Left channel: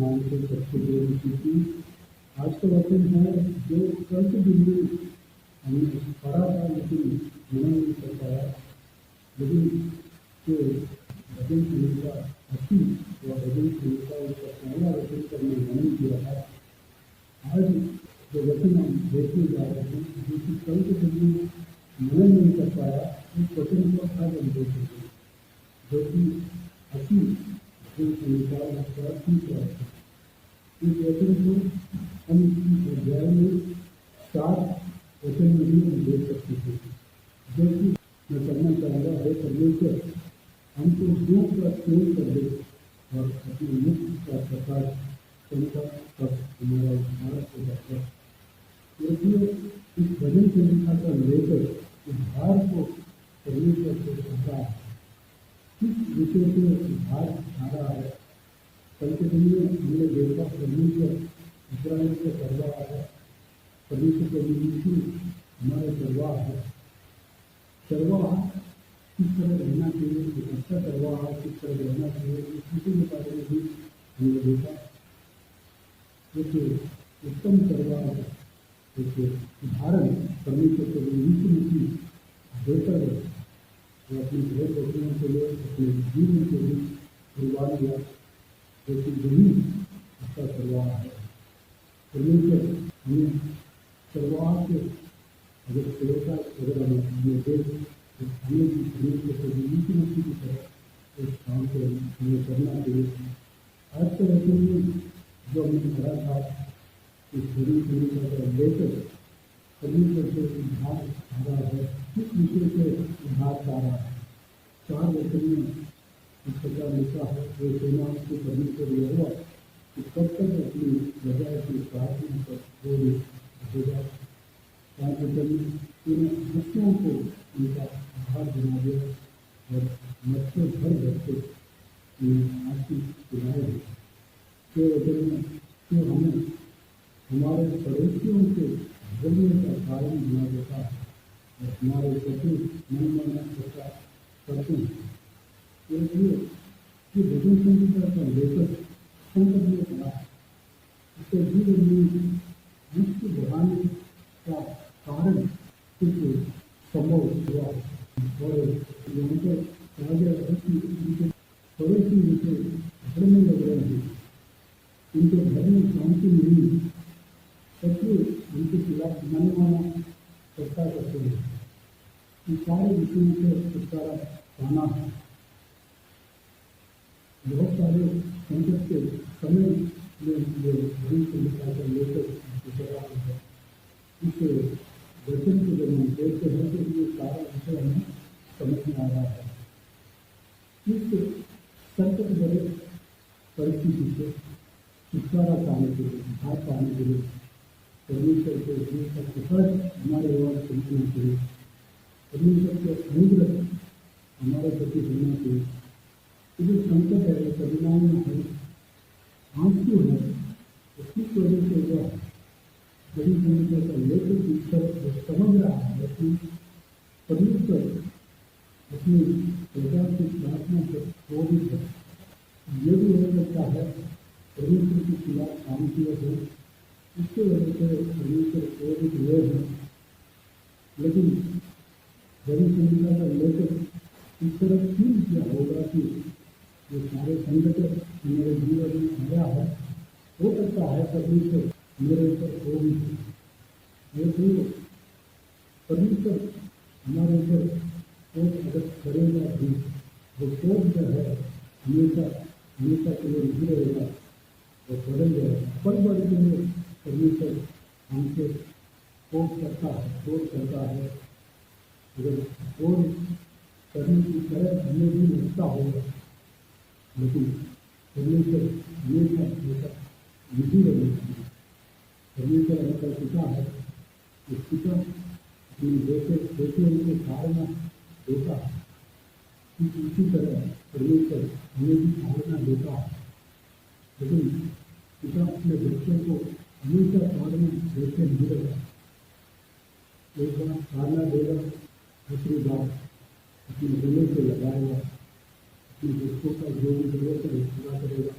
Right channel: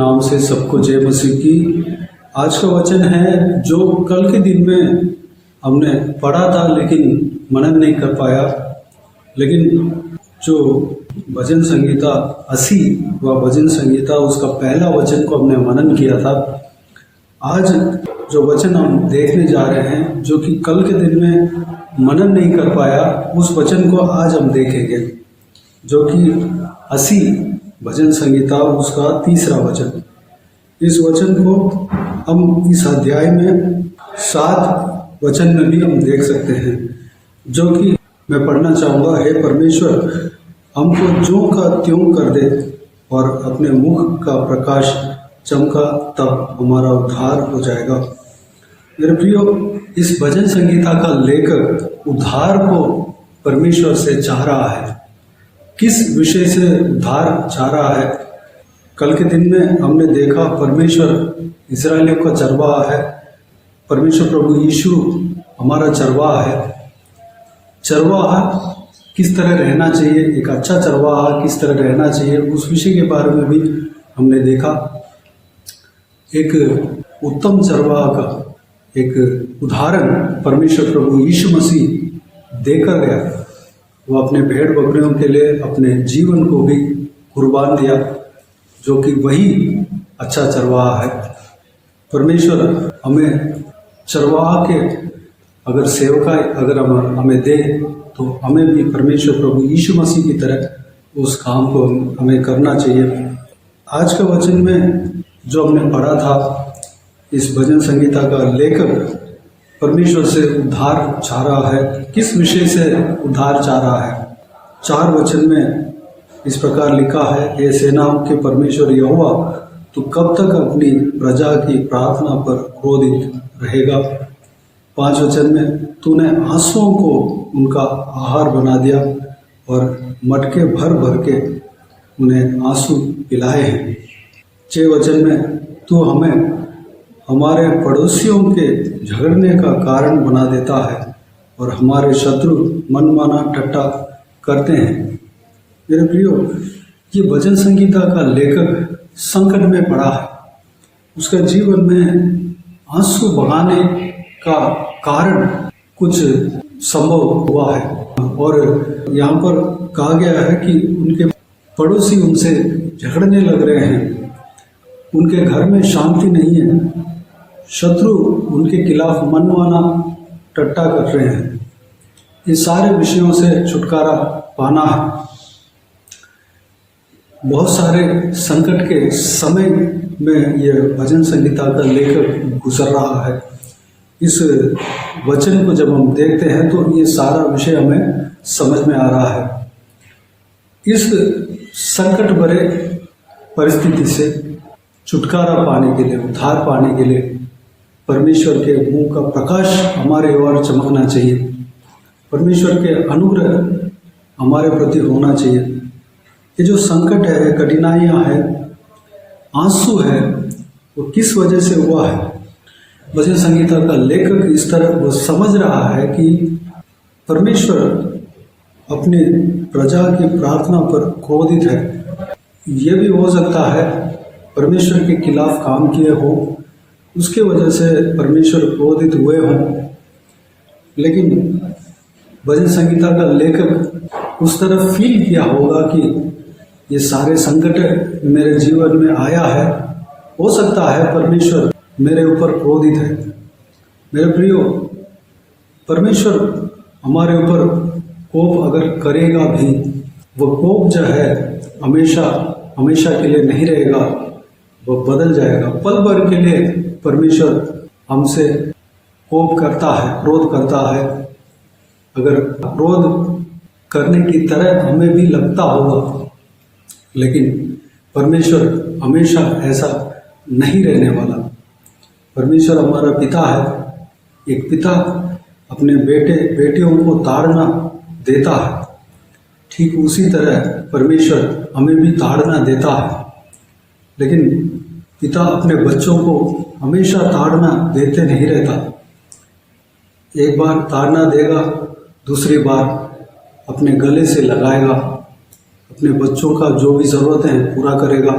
नाम से सबको जय मसीह की। आज का वचन है जो कल के दिन में हमने पढ़ा था लेकिन मनन नहीं कर पाया, लेकिन जो भजन संगीता 80 व भजन संगीता उसका पहला वचन को हमने मनन किया था। आज जो वचन हम देखने जा रहे हैं जो कि कल के दिन में मनन नहीं कर पाया, उस वचन को आज हम देखेंगे, जो कि 80 भजन संगीता उसका तीसरा वचन। इस वचन को हम इस अध्याय में 7 वचन में भी हम देख सकते हैं, जो कि मैं पढ़ना चाहूँगा। हे परमेश्वर, हमको ज्यों का त्यों कर दे और अपने मुख का प्रकाश चमका, तब हमारा उद्धार हो जाएगा। मेरे प्रियो, इस भजन संगीता का लेखक उद्धार को परमेश्वर से चाह रहा है। किस विषय से उद्धार चाह रहा है? कल के दिन में हमने देखा परमेश्वर इस्राएलियों का चरवाहा है। परमेश्वर प्रभु यीशु हमारा चरवाहा है। चरवाहा किस तरह रहना चाहिए, एक अच्छा चरवाहा किस तरह रहना चाहिए, उस विषय के बारे में भी हमने देखा। एक उत्तम चरवाहा का एक उदाहरण परमेश्वर प्रभु यीशु मसीह देकर गया। वो अपने भेड़ बकरियों के लिए अपने जीवन को भी कुर्बान दिया, जो कि वही अच्छा चरवाहा है। परमेश्वर हमें चरवाहा के अगर सेवका अगर हमें दे, तो हमें भी परमेश्वर प्रभु यीशु मसीह की तरह उस काम को हमें करना चाहिए। आज का वचन में जो हमने पढ़ा था, इस भजन संगीता का लेखक परमेश्वर से उद्धार चाह रहा है। किस विषय से उद्धार चाह रहा है? 4 वचन में इस प्रकार लिखा है, हे सेनाओं के परमेश्वर यहोवा, तू कब तक अपनी प्रजा की प्रार्थना पर क्रोधित रहेगा? 5 वचन में, तूने आंसुओं को उनका आहार बना दिया और मटके भर भर के उन्हें आंसू पिलाए हैं। 6 वचन में, तू हमें हमारे पड़ोसियों के झगड़ने का कारण बना देता है और हमारे शत्रु मनमाना ठट्टा करते हैं। मेरे प्रियो, ये भजन संगीता का लेखक संकट में पड़ा है। उसका जीवन में आंसू बहाने का कारण कुछ संभव हुआ है और यहाँ पर कहा गया है कि उनके पड़ोसी उनसे झगड़ने लग रहे हैं, उनके घर में शांति नहीं है, शत्रु उनके खिलाफ मनमाना टट्टा कर रहे हैं। इन सारे विषयों से छुटकारा पाना है। बहुत सारे संकट के समय में यह भजन संगीता का लेखक गुजर रहा है। इस वचन को जब हम देखते हैं तो ये सारा विषय हमें समझ में आ रहा है। इस संकट भरे परिस्थिति से छुटकारा पाने के लिए, उद्धार पाने के लिए परमेश्वर के मुंह का प्रकाश हमारे ओर चमकना चाहिए। परमेश्वर के अनुग्रह हमारे प्रति होना चाहिए। ये जो संकट है, कठिनाइयाँ हैं, आंसू है, वो किस वजह से हुआ है? भजन संगीता का लेखक इस तरह वो समझ रहा है कि परमेश्वर अपने प्रजा की प्रार्थना पर क्रोधित है। ये भी हो सकता है परमेश्वर के खिलाफ काम किए हो, उसके वजह से परमेश्वर क्रोधित हुए हों। लेकिन भजन संगीता का लेखक उस तरह फील किया होगा कि ये सारे संकट मेरे जीवन में आया है, हो सकता है परमेश्वर मेरे ऊपर क्रोधित है। मेरे प्रियो, परमेश्वर हमारे ऊपर कोप अगर करेगा भी, वो कोप जो है हमेशा हमेशा के लिए नहीं रहेगा, वो बदल जाएगा। पल भर के लिए परमेश्वर हमसे कोप करता है, क्रोध करता है। अगर क्रोध करने की तरह हमें भी लगता होगा, लेकिन परमेश्वर हमेशा ऐसा नहीं रहने वाला। परमेश्वर हमारा पिता है। एक पिता अपने बेटियों को ताड़ना देता है, ठीक उसी तरह परमेश्वर हमें भी ताड़ना देता है। लेकिन पिता अपने बच्चों को हमेशा ताड़ना देते नहीं रहता। एक बार ताड़ना देगा, दूसरी बार अपने गले से लगाएगा, अपने बच्चों का जो भी ज़रूरत है पूरा करेगा।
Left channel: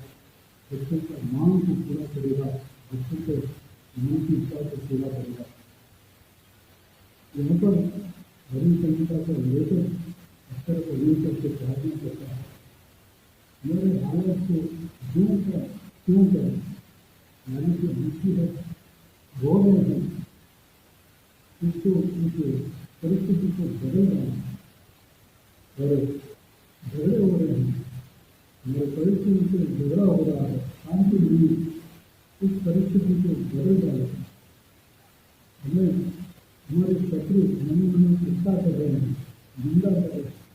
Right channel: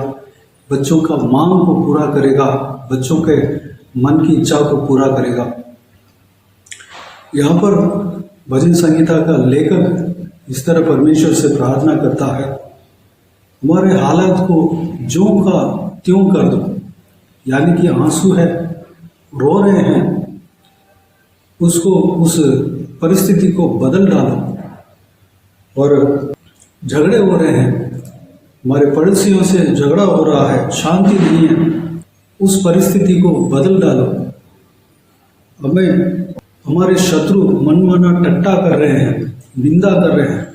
बच्चों का मांग को पूरा करेगा, बच्चों के मन की इच्छा को पूरा करेगा। यहाँ पर भजन संहिता का लेखक इस तरह परमेश्वर से प्रार्थना करता है, हमारे हालात को ज्यों का त्यों कर दो, यानी कि आंसू है, रो रहे हैं, उसको उस परिस्थिति को बदल डालो। और झगड़े हो रहे हैं, हमारे पड़ोसियों से झगड़ा हो रहा है, शांति नहीं है, उस परिस्थिति को बदल डालो। हमें हमारे शत्रु मनमाना टट्टा कर रहे हैं, निंदा कर रहे हैं,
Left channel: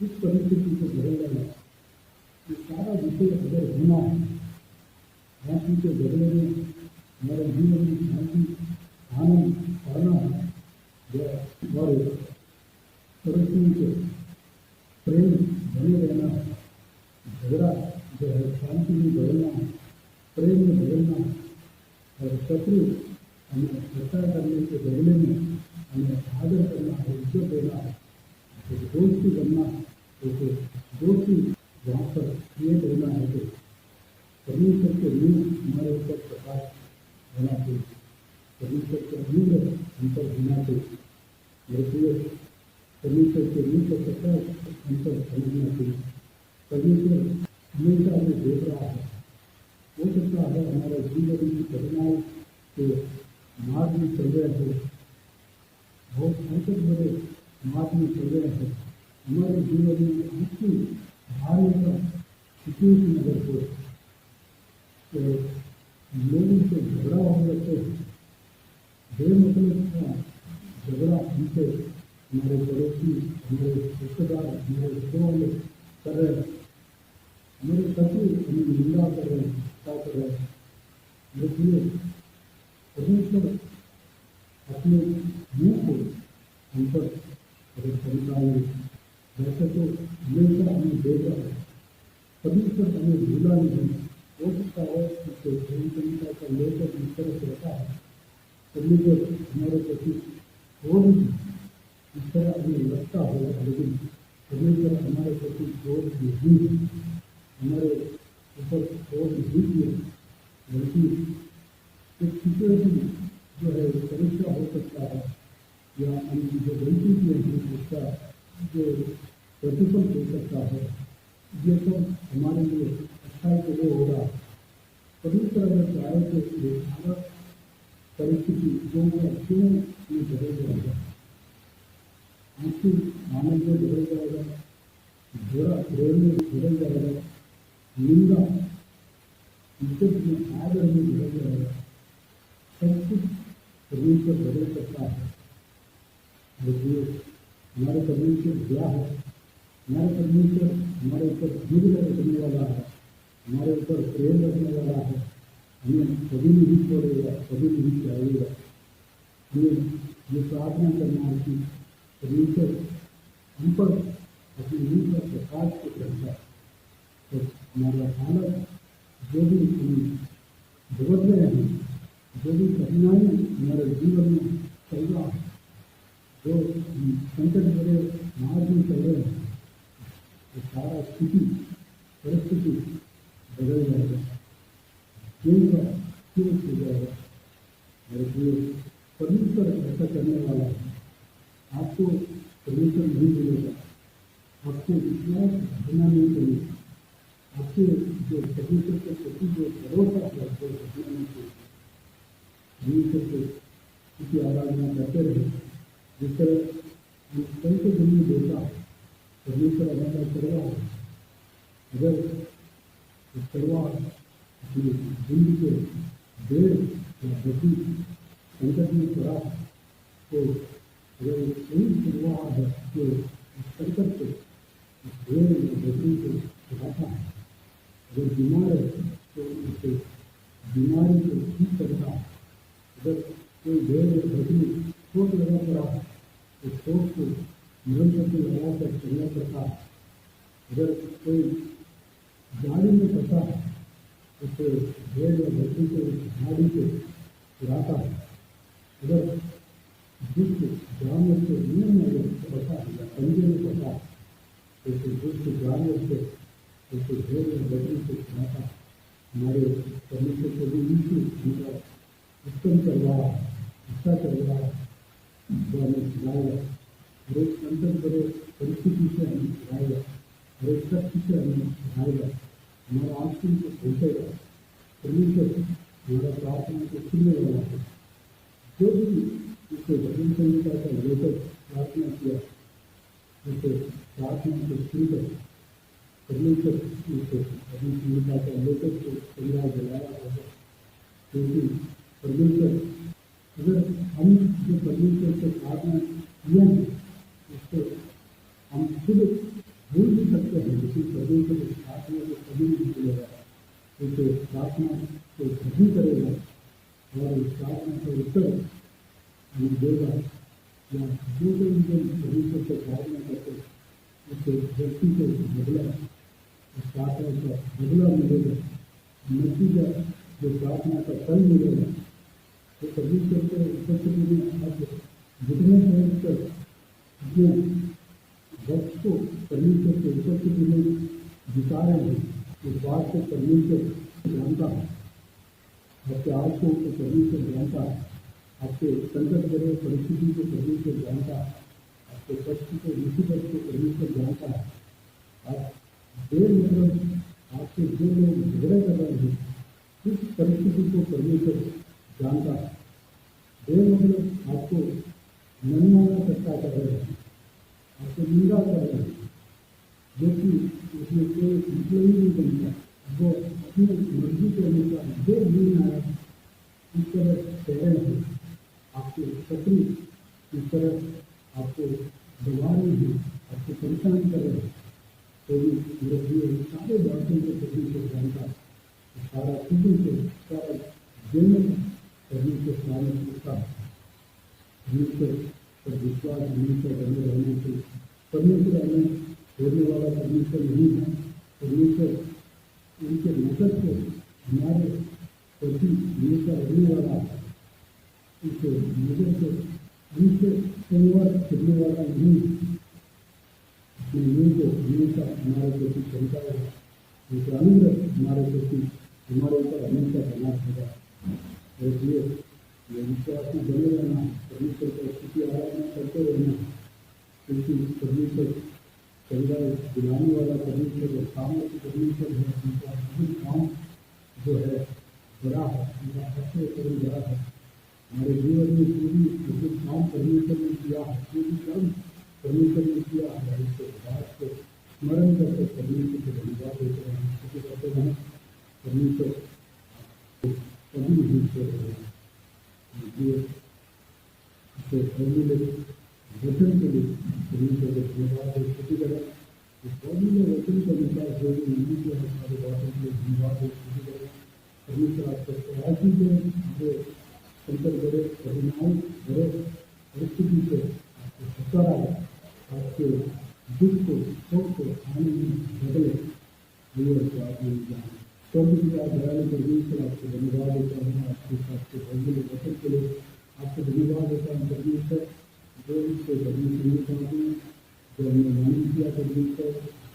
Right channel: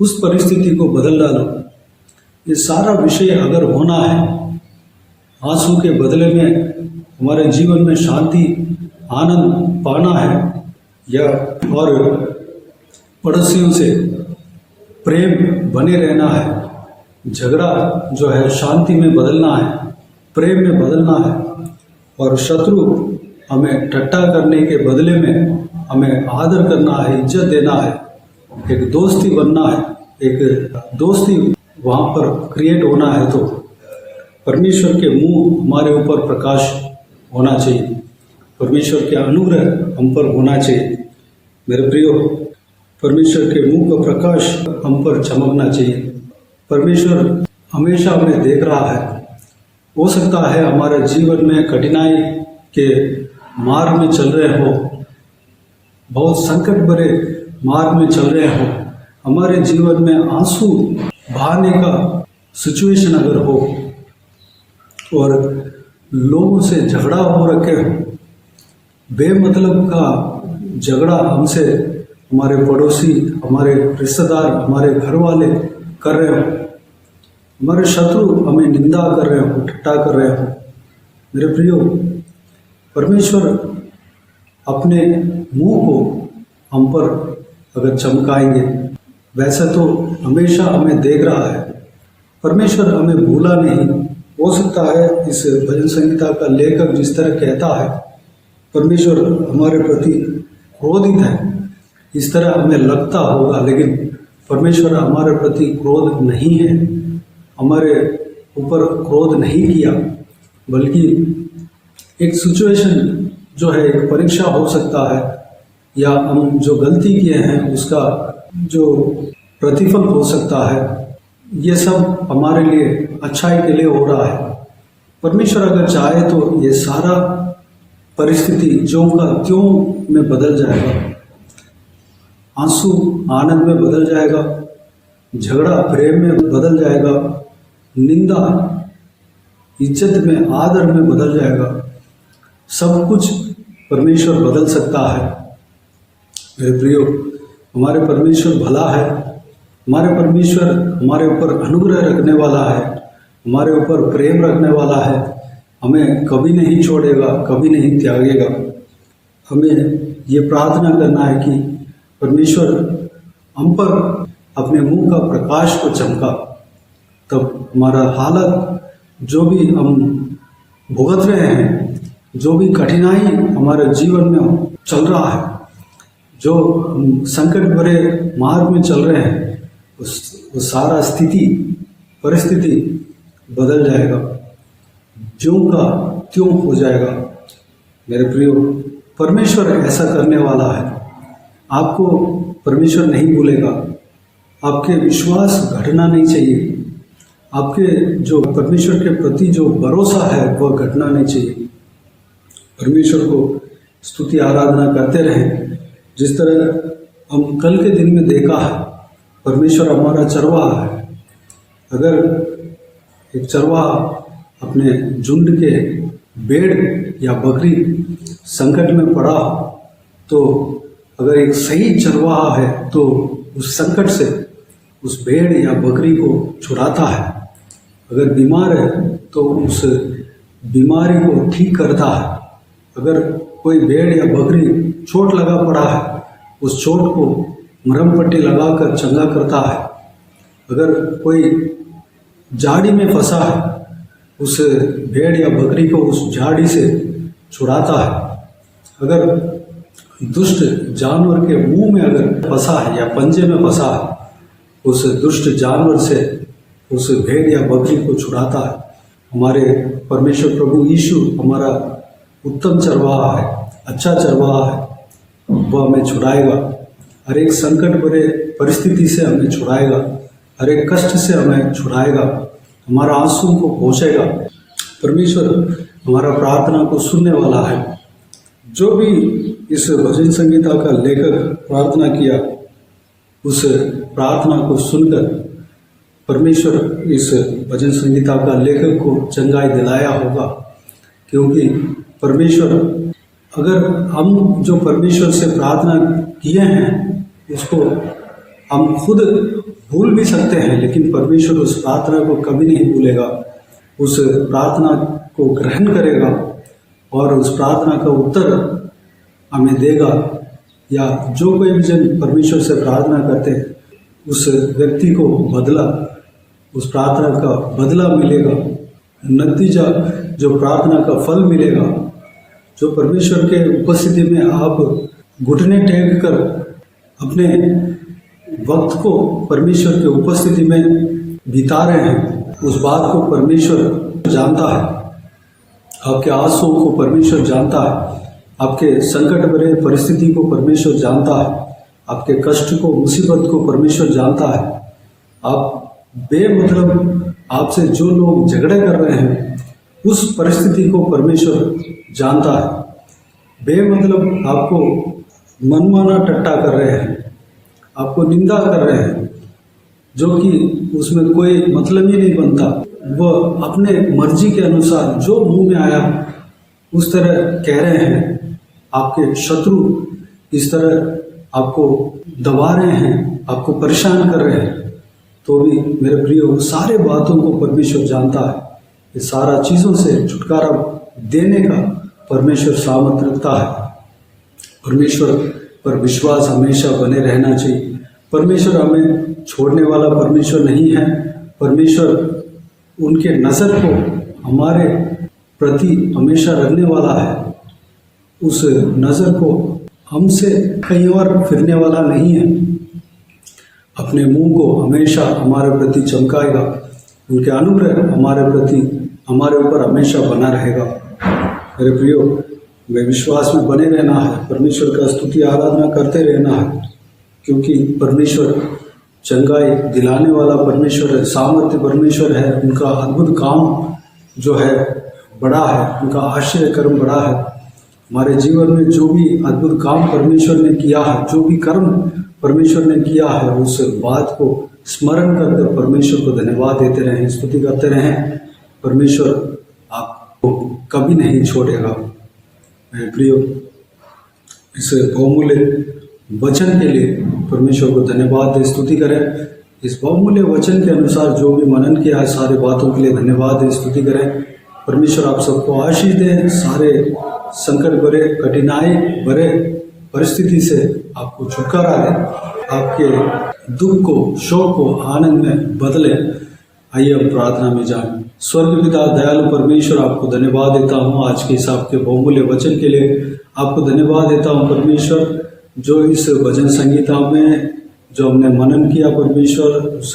उस परिस्थिति को बदल डालो। ये सारा विषय अगर होना है, आंसू के बदले में हमारे जीवन में शांति आनंद पाना है, या और पड़ोसियों से प्रेम बने रहना है, झगड़ा जो है शांति में बदलना है, प्रेम में बदलना है, और शत्रु हमें ठट्टा करने के बदले में हमें आदर करना है, इज्जत देना है, एक दोस्ती बनना है, एक दोस्ती वहाँ पर क्रिएट होना है, तो परमेश्वर के मुंह हमारे ऊपर प्रकाश होना चाहिए, परमेश्वर के अनुग्रह हम पर होना चाहिए। मेरे प्रियो, परमेश्वर के मुंह का प्रकाश हम पर चमकना चाहिए। परमेश्वर हमेशा हमें देख रहा है। हो सकता है हमारे जीवन में कठिनाई के मार्ग में चल रहे हो, बहुत संकट भरे मार्ग में चल रहे हो, हमारे जीवन में आंसू बहाने का सिचुएशन अगर हो, और लोगों से झगड़ा हो रखे हो, बेमतलब का झगड़ा हमसे हमारे पड़ोसी, हमारे रिश्तेदार, हमारे घर वाले कर रहे हो, हमारे शत्रु हमें निंदा कर रहे हो, ठट्टा कर रहे हो, मेरे प्रियो, परमेश्वर अपने मुंह को हम पर अगर चमकाएंगे, वैसे तो हमेशा हमें देख रहा है, परमेश्वर हमें भूला नहीं। हो सकता है इस भजन संहिता का लेखक जिस तरह कहता है, परमेश्वर हमारे प्रति क्रोधित है, इस तरह हमें लगता होगा, लेकिन परमेश्वर हमारे प्रति क्रोध नहीं है, हमारे ऊपर क्रोध नहीं किया, बल्कि एक सिचुएशन जो है, एक परीक्षा हो सकता है, या हम जो गलती किए हैं उसका जो प्रतिफल हो सकता है, ये सब हमारे लिए अच्छाई के लिए हो रहा है। परमेश्वर अगर चाहे तो ये सारा परिस्थिति ज्यों का त्यों में बदल जाएगा, आंसू आनंद में बदल जाएगा, झगड़ा प्रेम में बदल जाएगा, निंदा इज्जत में, आदर में बदल जाएगा। सब कुछ परमेश्वर बदल सकता है। मेरे प्रियो, हमारे परमेश्वर भला है, हमारे परमेश्वर हमारे ऊपर अनुग्रह रखने वाला है, हमारे ऊपर प्रेम रखने वाला है, हमें कभी नहीं छोड़ेगा, कभी नहीं त्यागेगा। हमें ये प्रार्थना करना है कि परमेश्वर हम पर अपने मुंह का प्रकाश को चमका, तब हमारा हालत जो भी हम भुगत रहे हैं, जो भी कठिनाई हमारे जीवन में चल रहा है, जो हम संकट भरे मार्ग में चल रहे हैं, वो सारा स्थिति परिस्थिति बदल जाएगा, ज्यों का त्यों हो जाएगा। मेरे प्रियो, परमेश्वर ऐसा करने वाला है, आपको परमेश्वर नहीं भूलेगा। आपके विश्वास घटना नहीं चाहिए, आपके जो परमेश्वर के प्रति जो भरोसा है वह घटना नहीं चाहिए। परमेश्वर को स्तुति आराधना करते रहें, जिस तरह हम कल के दिन में देखा है, परमेश्वर हमारा चरवाहा है। अगर एक चरवाहा अपने झुंड के भेड़ या बकरी संकट में पड़ा हो, तो अगर एक सही चरवाहा है तो उस संकट से उस भेड़ या बकरी को छुड़ाता है। अगर बीमार है तो उस बीमारी को ठीक करता है। अगर कोई भेड़ या बकरी चोट लगा पड़ा है, उस चोट को मरहम पट्टी लगाकर चंगा करता है। अगर कोई झाड़ी में फंसा है, उस भेड़ या बकरी को उस झाड़ी से छुड़ाता है। अगर दुष्ट जानवर के मुंह में अगर फंसा है या पंजे में फंसा है, उस दुष्ट जानवर से उस भेड़ या बकरी को छुड़ाता है। हमारे परमेश्वर प्रभु यीशु हमारा उत्तम चरवाहा है, अच्छा चरवाहा है। वह हमें छुड़ाएगा, हर एक संकट भरे परिस्थिति से हमें छुड़ाएगा, हर एक कष्ट से हमें छुड़ाएगा, हमारा आंसू को पोंछेगा। परमेश्वर हमारा प्रार्थना को सुनने वाला है। जो भी इस भजन संगीता का लेखक प्रार्थना किया, उस प्रार्थना को सुनकर परमेश्वर इस भजन संगीता का लेखक को चंगाई दिलाया होगा। क्योंकि परमेश्वर, अगर हम जो परमेश्वर से प्रार्थना किए हैं उसको हम खुद भूल भी सकते हैं, लेकिन परमेश्वर उस प्रार्थना को कभी नहीं भूलेगा। उस प्रार्थना को ग्रहण करेगा और उस प्रार्थना का उत्तर हमें देगा। या जो कोई भी जन परमेश्वर से प्रार्थना करते हैं, उस व्यक्ति को बदला, उस प्रार्थना का बदला मिलेगा, नतीजा जो प्रार्थना का फल मिलेगा। जो परमेश्वर के उपस्थिति में आप घुटने टेक कर अपने वक्त को परमेश्वर के उपस्थिति में बिता रहे हैं, उस बात को परमेश्वर जानता है। आपके आंसुओं को परमेश्वर जानता है, आपके संकट भरे परिस्थिति को परमेश्वर जानता है, आपके कष्ट को, मुसीबत को परमेश्वर जानता है। आप बेमतलब आपसे जो लोग झगड़े कर रहे हैं, उस परिस्थिति को परमेश्वर जानता है। बेमतलब आपको मनमाना टट्टा कर रहे हैं, आपको निंदा कर रहे हैं, जो कि उसमें कोई मतलब ही नहीं बनता। वह अपने मर्जी के अनुसार जो मुंह में आया उस तरह कह रहे हैं। आपके शत्रु इस तरह आपको दबा रहे हैं, आपको परेशान कर रहे हैं, तो भी मेरे प्रियो, सारे बातों को परमेश्वर जानता है। ये सारा चीज़ों से छुटकारा देने का परमेश्वर सामर्थ रखता है। परमेश्वर पर विश्वास हमेशा बने रहना चाहिए। परमेश्वर हमें छोड़ने वाला परमेश्वर नहीं है। परमेश्वर उनके नज़र को हमारे प्रति हमेशा रखने वाला है। उस नज़र को हमसे कहीं और फिरने वाला नहीं है। अपने मुंह को हमेशा हमारे प्रति चमकाएगा। उनके अनुग्रह हमारे प्रति, हमारे ऊपर हमेशा बना रहेगा। मेरे प्रियो, वे विश्वास में बने रहना है, परमेश्वर का स्तुति आराधना करते रहना है, क्योंकि परमेश्वर चंगाई दिलाने वाला परमेश्वर है, सामर्थ्य परमेश्वर है। उनका अद्भुत काम जो है बड़ा है, उनका आश्चर्य कर्म बड़ा है। हमारे जीवन में जो भी अद्भुत काम परमेश्वर ने किया है, जो भी कर्म परमेश्वर ने किया है, उस बात को स्मरण कर परमेश्वर को धन्यवाद देते रहें, स्तुति करते रहें। परमेश्वर आपको कभी नहीं छोड़ेगा। मेरे प्रियो, इस बहुमूल्य वचन के लिए परमेश्वर को धन्यवाद दे, स्तुति करें। इस बहुमूल्य वचन के अनुसार जो भी मनन किया है, सारे बातों के लिए धन्यवाद दे, स्तुति करें। परमेश्वर आप सबको आशीष दे, सारे संकट भरे, कठिनाई भरे परिस्थिति से आपको छुटकारा दे, आपके दुख को, शोक को आनंद में बदले। आइए हम प्रार्थना में जाएं। स्वर्ग पिता दयालु परमेश्वर, आपको धन्यवाद देता हूँ आज के हिसाब के बहुमूल्य वचन के लिए। आपको धन्यवाद देता हूँ परमेश्वर, जो इस भजन संगीता में जो हमने मनन किया परमेश्वर, उस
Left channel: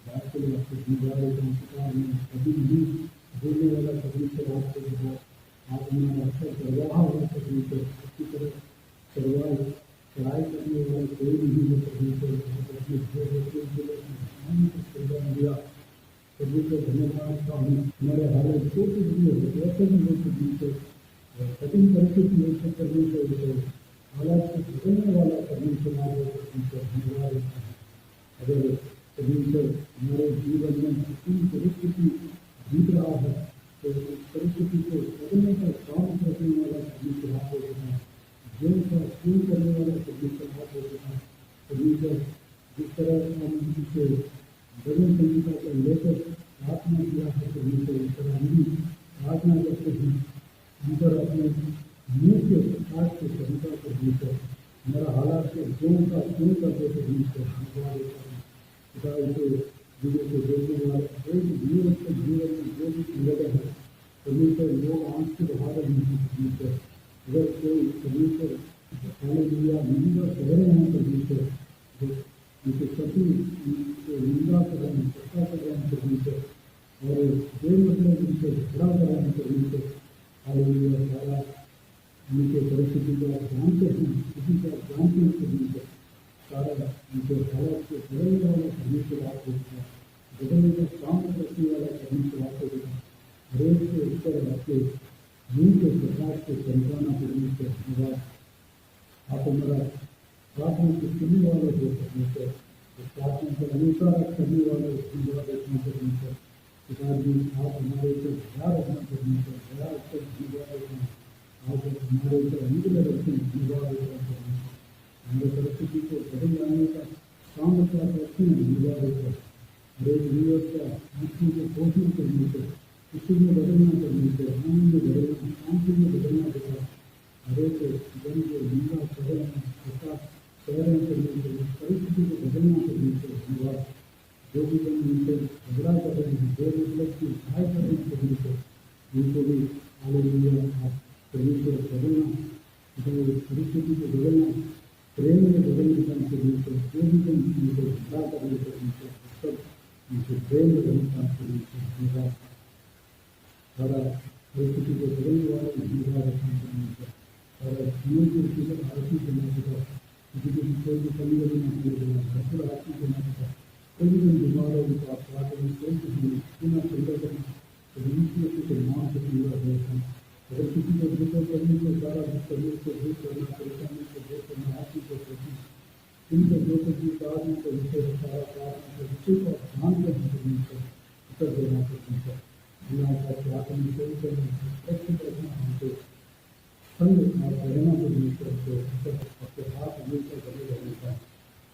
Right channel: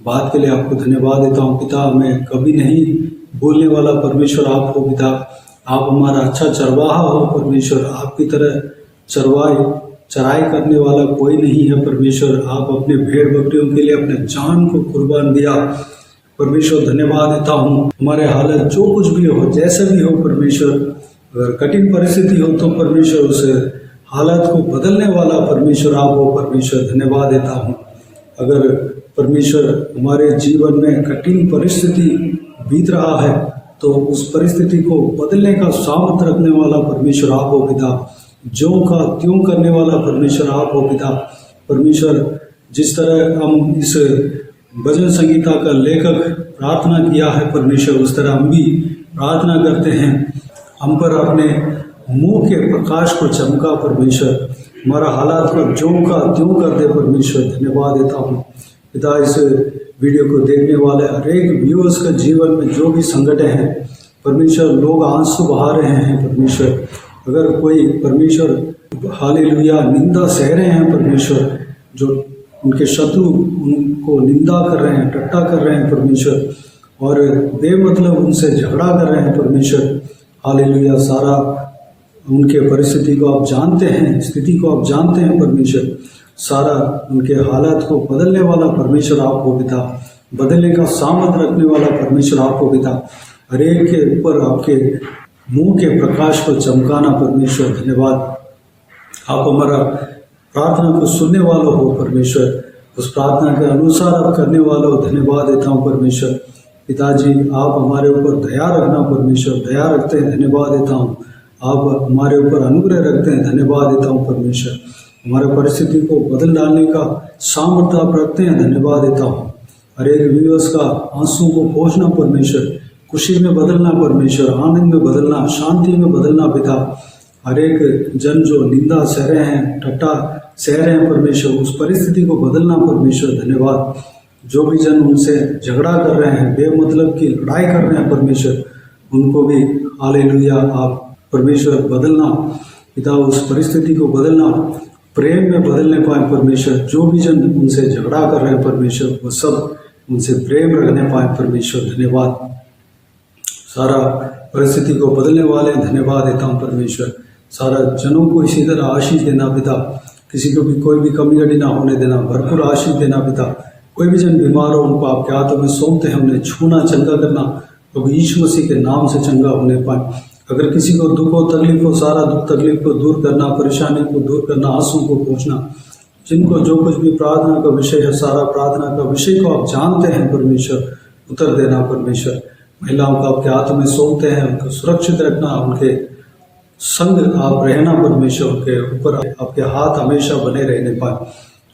बात के लिए आपको धन्यवाद देता हूँ पिता। हमें कभी नहीं बोलने वाला परमेश्वर आप हो पिता। आप हमारा अच्छा चरवाहा हो परमेश्वर। आपकी तरह चराई करने वाला कोई नहीं है परमेश्वर। आप अपने भेड़ बकरियों के लिए अपने जान को कुर्बान दिया परमेश्वर। धन्यवाद देता हूँ। हमारे हालत जो कुछ भी हो, जैसे भी हो परमेश्वर, अगर कठिन परिस्थिति हो तो परमेश्वर उस हालत को बदलने वाला परमेश्वर आप हो परमेश्वर। धन्यवाद देता हूँ। अगर परमेश्वर हमारे जीवन में कठिन परिस्थिति बीत रहा है तो उस परिस्थिति को बदलने का सामर्थ रखने वाला परमेश्वर आप हो पिता। ज्यों का त्यों करने वाला परमेश्वर आप हो पिता। परमेश्वर, जिस तरह हम इस भजन संगीता का लेखक प्रार्थना किया है परमेश्वर, उस तरह हम भी प्रार्थना करते हैं। हम पर अपने मुंह के प्रकाश को चमका परमेश्वर। हमारा हालात को ज्यों का त्यों कर दे परमेश्वर। धन्यवाद देता हूँ पिता। इस वीडियो को देखने वाले हर एक व्यूअर्स का जीवन में जो भी संकट हैं परमेश्वर, लोग आंसू बहा रहे हैं परमेश्वर। अगर कोई परमेश्वर हालेलुया निंदा सह रहे हैं परमेश्वर, जो उनके शत्रु उनको निंदा कर रहे हैं, टट्टा कर रहे हैं परमेश्वर, और बेमतलब उनसे झगड़ा कर रहे हैं परमेश्वर। हालेलुया। सारा उनके परिस्थिति को आप जानते हैं, स्थिति को आप जानते हैं परमेश्वर। सारा उनके हालात को बदलने वाला परमेश्वर आप हो पिता, बदलने का सामर्थ रखने वाला परमेश्वर आप हो पिता। हर एक के ऊपर आपके मुंह के प्रकाश को चमकाना परमेश्वर, धन्यवाद। आप हमारा प्रार्थना को सुनने वाला हो परमेश्वर, उस प्रार्थना के अनुसार आप करने वाला हो, धन्यवाद देता हूँ परमेश्वर। पिताजी आप हमारे ऊपर दया रखना परमेश्वर, दया रखते हैं, धन्यवाद देता हूँ। आप हमारे ऊपर अनुग्रह रखते हैं, धन्यवाद देता हूँ परमेश्वर। हमारे परिस्थिति को बदल डालने का सामर्थ्य आप रखते हैं, धन्यवाद देता हूँ। हर एक व्यूअर्स का आंसू को पोंछना परमेश्वर, खुशी में बदलना परमेश्वर, आनंद में बदलना, शांति में बदलना पिता। हर एक जन जो निंदा सह रहे हैं, ठट्टा सह रहे हैं परमेश्वर, उस परिस्थिति को बदलना परमेश्वर, धन्यवाद। जो भी जन उनसे झगड़ा कर रहे हैं, बेमतलब की लड़ाई कर रहे हैं परमेश्वर, उनको भी हालेलुया आप परमेश्वर बदलना पिता, उस परिस्थिति को बदलना, प्रेम में बदलने पाए परमेश्वर। जो भी जन उनसे झगड़ा कर रहे हैं परमेश्वर, वो सब उनसे प्रेम रखने पाए परमेश्वर, धन्यवाद। सारा परिस्थिति को बदलने वाले धन्यवाद देता हूँ परमेश्वर। सारा जनों को इसी तरह आशीष देना पिता, किसी को भी कोई भी कमी घटी ना होने देना, भरपूर आशीष देना पिता। कोई भी जन बीमार हो उनको आपके हाथों में सौंपते हैं, उन्हें छूना, चंगा करना प्रभु यीशु मसीह के नाम से चंगा होने पाए। अगर किसी को दुख हो, तकलीफ हो, सारा दुख तकलीफ को दूर करना, परेशानी को दूर करना, आंसू को पोंछना। जिनको जो कुछ भी प्रार्थना का विषय है, सारा प्रार्थना का विषय को आप जानते हैं परमेश्वर, उत्तर देना परमेश्वर। महिलाओं को आपके हाथों में सौंपते हैं, उनको सुरक्षित रखना, उनके संग आप रहना परमेश्वर, उनके ऊपर आपके हाथ हमेशा बने रहने पाए।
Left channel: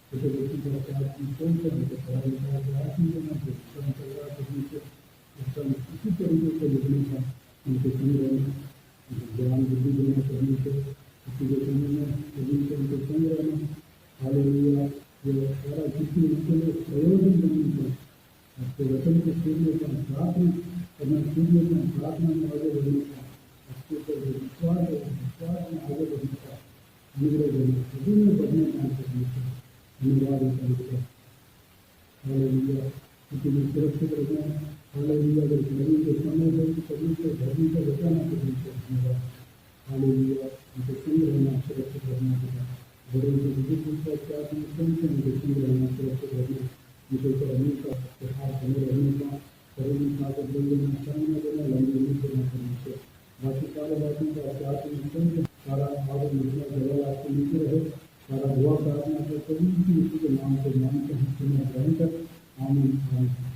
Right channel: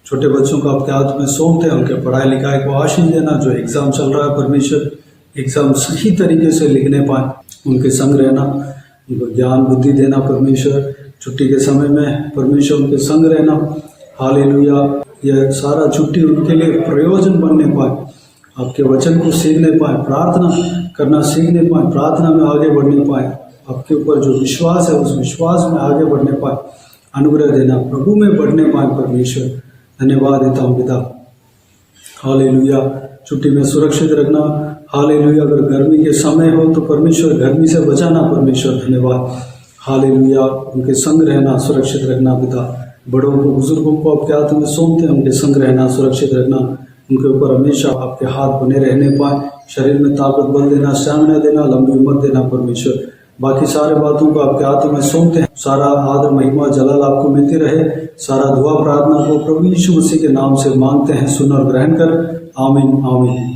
छोटे बच्चों को आपके हाथ में सौंपते हैं, उनके पढ़ाई लिखाई को आशीष देना। जो एग्ज़ाम चल रहा है परमेश्वर, एग्ज़ाम सही तरीके से लिखने पाए, उनके संग रहना, उनको ज्ञान बुद्धि देना परमेश्वर। छुट्टी के समय में परमेश्वर उनके संग रहना, हालेलुया। यह सारा छुट्टी उनके लिए प्रयोजन बनने पाए, आपके वचन को सीखने पाए, प्रार्थना करना सीखने पाए, प्रार्थना में आगे बढ़ने पाए, आपके ऊपर जो विश्वास है उस विश्वास में आगे बढ़ने पाए, अनुग्रह देना, प्रभु में बढ़ने पाए परमेश्वर, धन्यवाद देता हूँ पिता। हालेलुया। छुट्टी में सुरक्षित रखना, हालेलुया। अगर गर्मी के समय हो तो परमेश्वर गर्मी से बचाना परमेश्वर, धन्यवाद। हालेलुया। उनके संग रहना, सुरक्षित रखना पिता। बड़ों को, बुजुर्गों को आपके हाथ में सौंपते हैं, उनके संग रहना, सुरक्षित रखना, उनके ऊपर हमेशा आपके हाथ बने रहने पाए। शरीर में ताकत बल देना, स्टैमिना देना, लंबी उम्र देना परमेश्वर। बाकी सारे बातों को आपके हाथों में सौंपते हैं। सारा आदर महिमा जलाल आपको मिलती रहे। सारा दुआ प्रार्थना को प्रभु यीशु मसीह के नाम से मांगते हैं, सुन और ग्रहण कर, आमीन आमीन।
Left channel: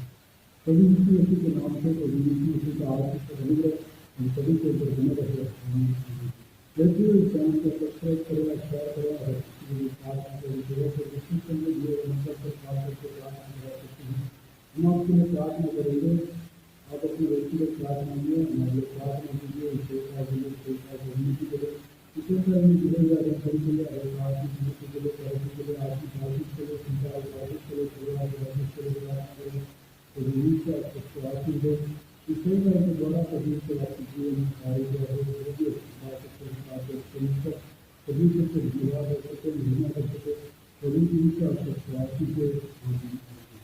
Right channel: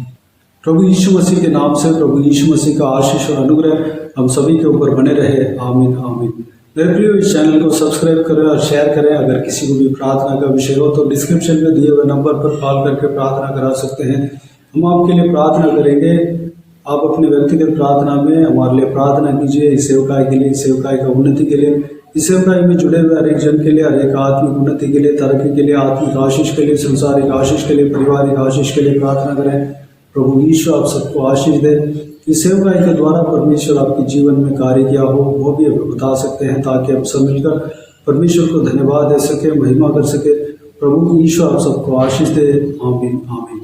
प्रभु यीशु मसीह के नाम से प्रभु यीशु मसीह का आशीष और अनुग्रह हम सभी के ऊपर बने रहे, आमीन आमीन। मेरे प्रियो, इस चैनल को सब्सक्राइब करें और शेयर करें। अगर किसी को भी प्रार्थना का विषय हो तो डिस्क्रिप्शन में दिए हुए नंबर पर कॉल करके प्रार्थना करा सकते हैं। हम आपके लिए प्रार्थना करेंगे। आप अपने व्यक्तिगत प्रार्थना में हमारे लिए प्रार्थना कीजिए, इस सेवकाई के लिए, इस सेवकाई का उन्नति के लिए, इस सेवकाई में जुड़े हुए हर एक जन के लिए, हर एक आत्मिक उन्नति के लिए, तरक्की के लिए, आत्मिक आशीष के लिए, संसारिक आशीष के लिए, पारिवारिक आशीष के लिए प्रार्थना करें। प्रभु यीशु आप सबको आशीष दे। इस सेवकाई के द्वारा परमेश्वर आपके जीवन में कार्य किया हो वो भी आप बता सकते हैं, ताकि हम सब मिलकर परमेश्वर को धन्यवाद दे सके, महिमा कर सके। प्रभु यीशु आप सबको आशीष दे, आमीन आमीन।